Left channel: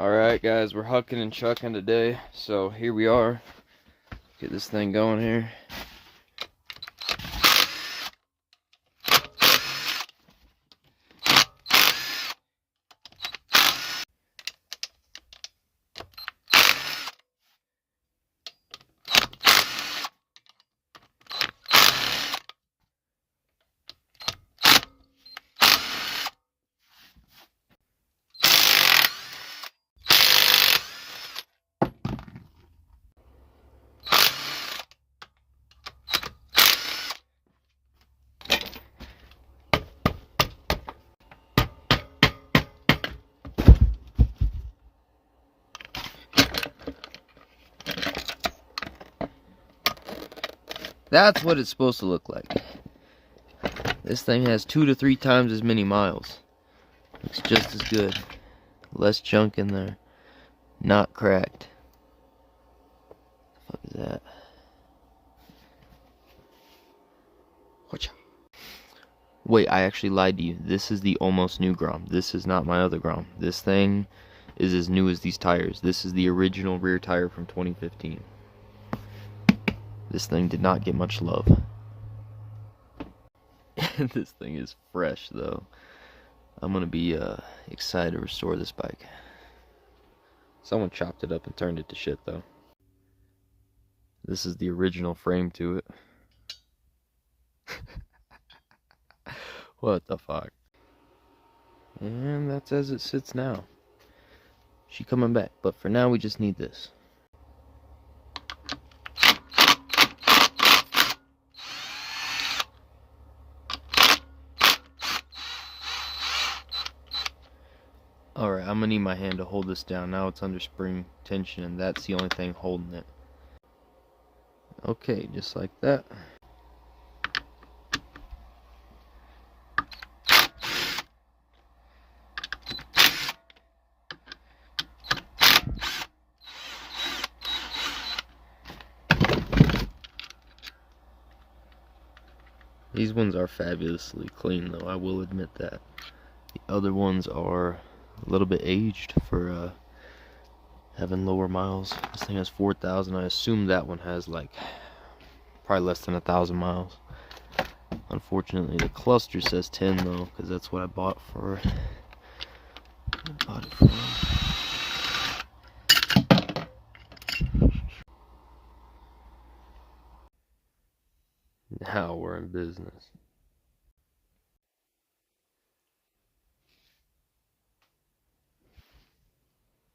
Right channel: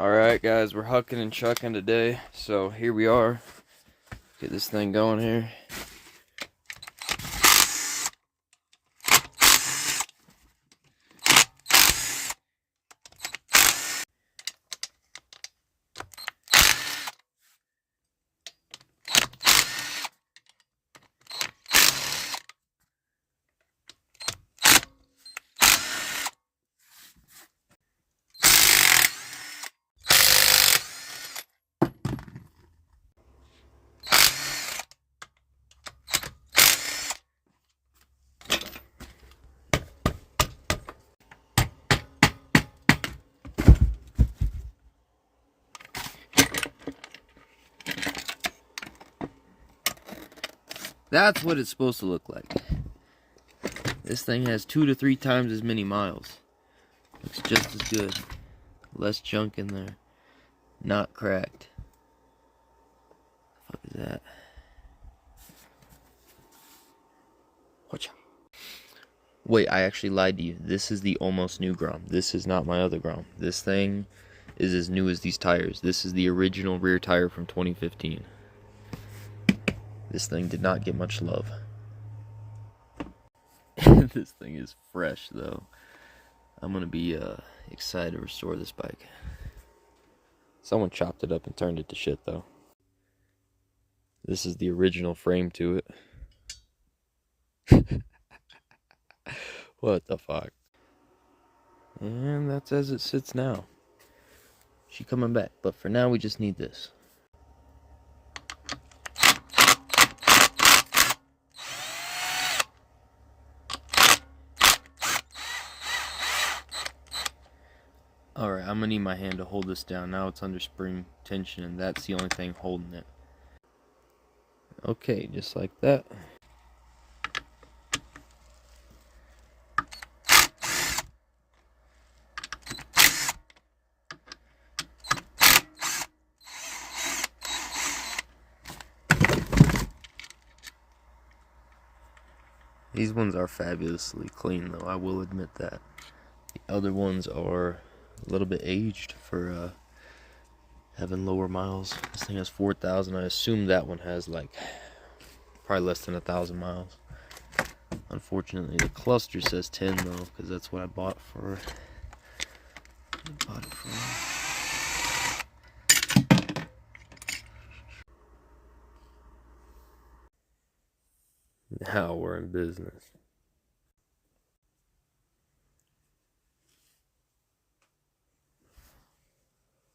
Alright guys, we're hucking and chucking today, so here we are. Get this thing going here. That's what it's supposed to look like. This thing has 2 to 3 times as many miles. Looks just as good. Less junk in there. Not cracked. What the fuck is that? Whatcha? Wait, I actually lied to you. This is the almost new Grom. This is not my other Grom. This thing is as new as these tires. This is the original rear tire from 2015. This thing did not get much love. This thing is fresh though. I'm gonna be excited to restore this bike. Someone chopped it up and turned it to shit though. This is the original frame to it. What the fuck? And that's as it sits now. She coming back, but for now we just need this. Alright, I'm gonna need my hand to hold this down. Now it's under spring tension and that's the only thing holding it. Okay, just like that. These ones are fabulously clean though, I will admit that. The other ones are a little bit aged for having lower miles. This thing has 4,000. I assume that one has like probably less than 1,000 miles. Unfortunately, the cluster says 10 though, because that's what I bought for. Now we're in business.